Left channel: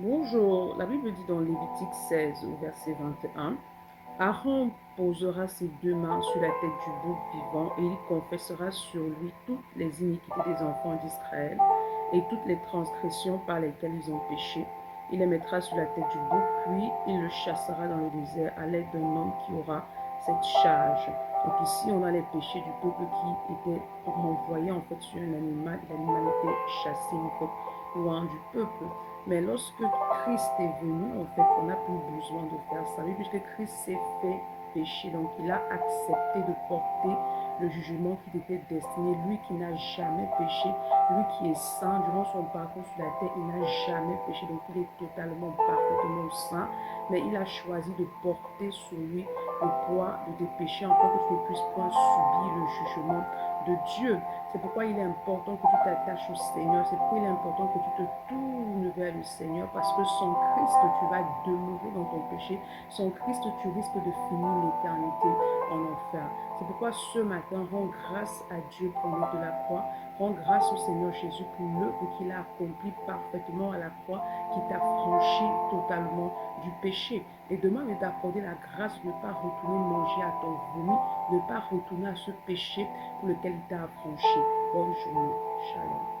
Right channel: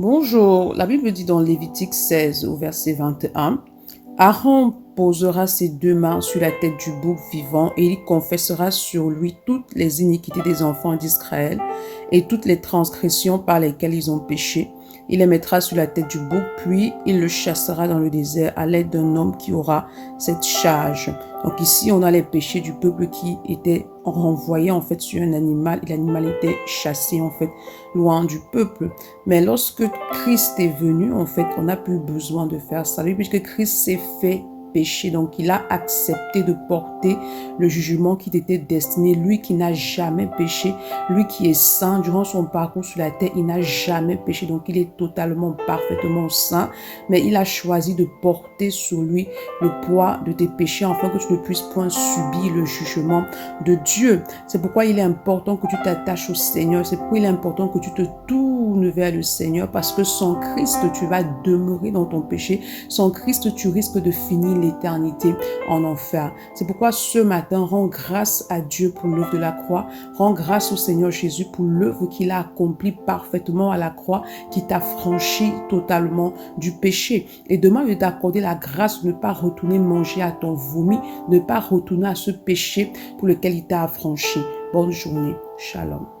Bonjour, la Bible dit dans Lévitique 16 au verset 21, Aaron posera ses deux mains sur la tête du bouc vivant et il confessera sur lui toutes les iniquités des enfants d'Israël et toutes les transgressions par lesquelles ils ont péché. Il les mettra sur la tête du bouc, puis il le chassera dans le désert à l'aide d'un homme qui aura cette charge. Donc ici, on a les péchés du peuple qui étaient renvoyés en fait sur un animal et l'animal était chassé en fait loin du peuple. Mais lorsque Christ est venu, en fait, on n'a plus besoin de faire ça. Puisque Christ s'est fait péché, donc il a accepté de porter le jugement qui était destiné. Lui qui n'a jamais péché, lui qui est saint, durant son parcours sur la terre, il n'a jamais péché. Donc il est totalement, parfaitement saint. Mais il a choisi de porter sur lui le poids de tes péchés, afin que tu ne puisses point subir le jugement de Dieu. C'est pourquoi il est important que tu t'attaches au Seigneur. C'est pourquoi il est important que tu te tournes vers le Seigneur, parce que sans Christ, tu vas demeurer dans ton péché. Sans Christ, tu risques de finir l'éternité en enfer. C'est pourquoi ce matin, rends grâce à Dieu pour l'œuvre de la croix. Rends grâce au Seigneur Jésus pour l'œuvre qu'il a accomplie parfaitement à la croix, qui t'a franchi totalement du péché. Et demande de t'accorder la grâce de ne pas retourner manger à ton vomi, de ne pas retourner à ce péché pour lequel il t'a affranchi. Bonne journée. Shalom.